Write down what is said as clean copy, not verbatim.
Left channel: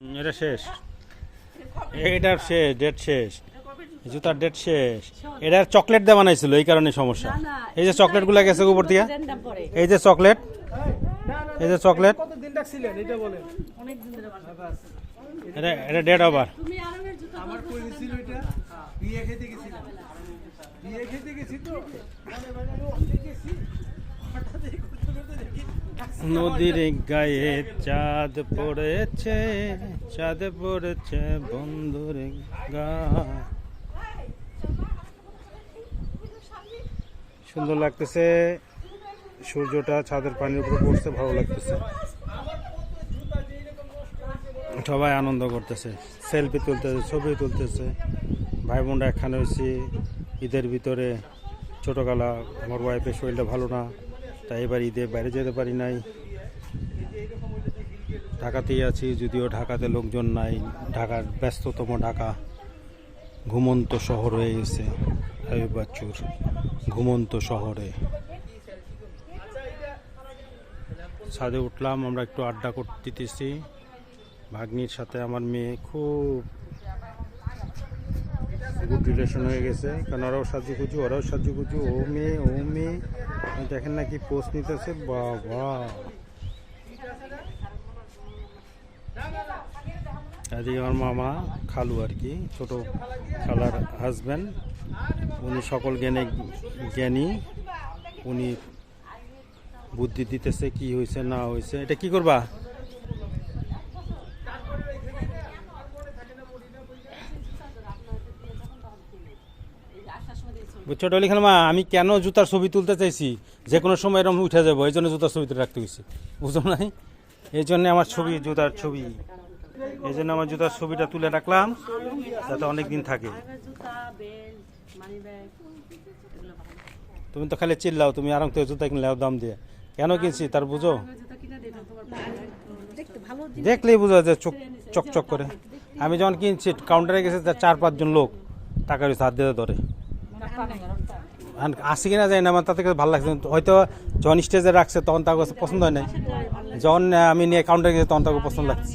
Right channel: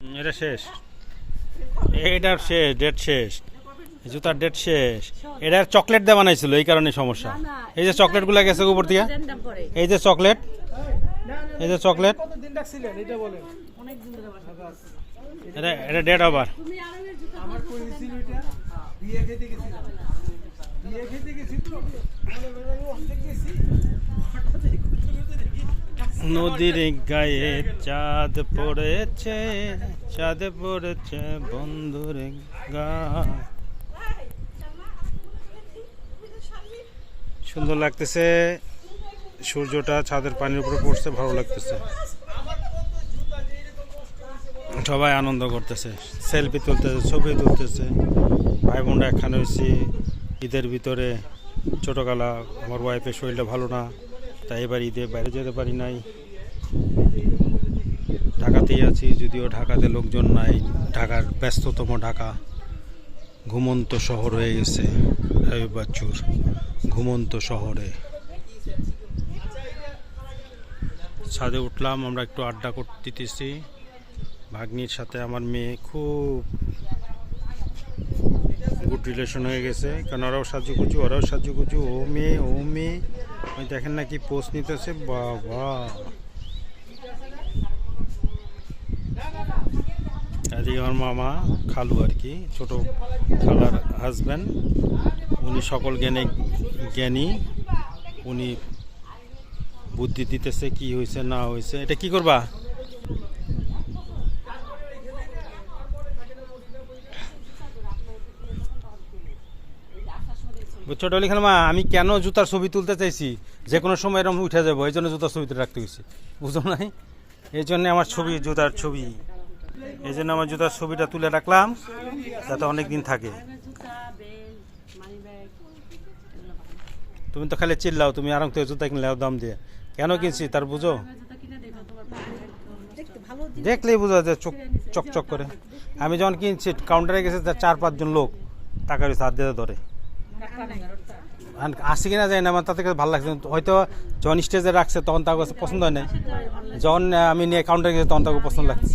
এটা শেষ, এটার শেষ, ডেট শেষ, জুতার ডেট শেষ। এটার চকলেট দেওয়া বানাইছিল, এই কারণে সমস্যা। এই যে চকলেট গুলা গেছে উপর দিয়ে, এই যে চকলেট, এই যে চকলেট, এটা ডেট আবার নদীর গায়ে চাঁদ পড়েছে, চাঁদ পড়েছে বন্ধুর গায়ে। সুন্দর লাগতেছে, সূর্যটা ছাদের পানির উপরে পড়ছে, ভালো লাগতেছে। সবাই আনন্দ করতেছে, সেলফি তুলতেছে, ছবি তুলতেছে। ভাই বোনরা একখানে হয়েছি ঈদের ভিতরে। ছোটোবেলা আমার ওয়াইফের শরীরটা ভালো না, তাই এবার ঈদে বাইরে যেতে পারি নাই। ঢাকাতেই আছি, যদিও ঢাকাতে লোকজন নাই। ঢাকার ব্যস্ততম ঢাকা ঘুমন্ত শহর হয়ে গেছে। এই বাচ্চুর ঘুমন্ত শহরে ছাদে উঠলাম, আমরা একটু আড্ডা করতেছি ভাগ্নির সাথে। আমার মেয়ে খুব গুড রিলেশন হয়ে গেছে, কারণ ওরাও সাজুগুজু, ওরাও সাজুগুজু। ও মেয়ে, ও মেয়ে, ওই দেখেন নাকি পোস্ট নিতেছে। বাবা, এদিকে আমার মামা, খালু আর কি, ছোট খালার হাজব্যান্ড। উনি সকল জ্ঞানে জ্ঞানী, উনি বুদ্ধি দিতেছে কি হয়েছে না হয়েছে। এটা কি করবা? ছোট লিখান মা, আমি কেন জুতার ছবি তুলতে চাইছি, যে কোনো সময় এরকম উঠে যাবো, এই জন্য জুতার ছবিতে রাখতে গেছি, বুঝো নাই? এই জন্য আমার ছবি, জুতার ছবি, এই জন্য আমার জুতার ছবিটা তুলে রাখলাম, যাতে অনেক দিন থাকে। তুমি তো খালি চিল্লাও, তুমি আরাম থেকে জুতা কিনলে দাম দিয়ে। কেন কিনছি তার বুঝো? দেখলেই বুঝা যায়, চোখ চকচক করে। আমি যখন কিনছি কাউন্টারে গেছে, তার 4-5 জন লোক টাকা হাত দিয়ে ধরে। আসি কিনা যায় না, আমার তাতে ভালো লাগছে। হয়তো যখন স্টেজে রাখছে তখন তার কাছে পছন্দ হয় না, যখন আমি নিয়ে কাউন্টারে গেছি তখন তাকে পছন্দ লাগছে।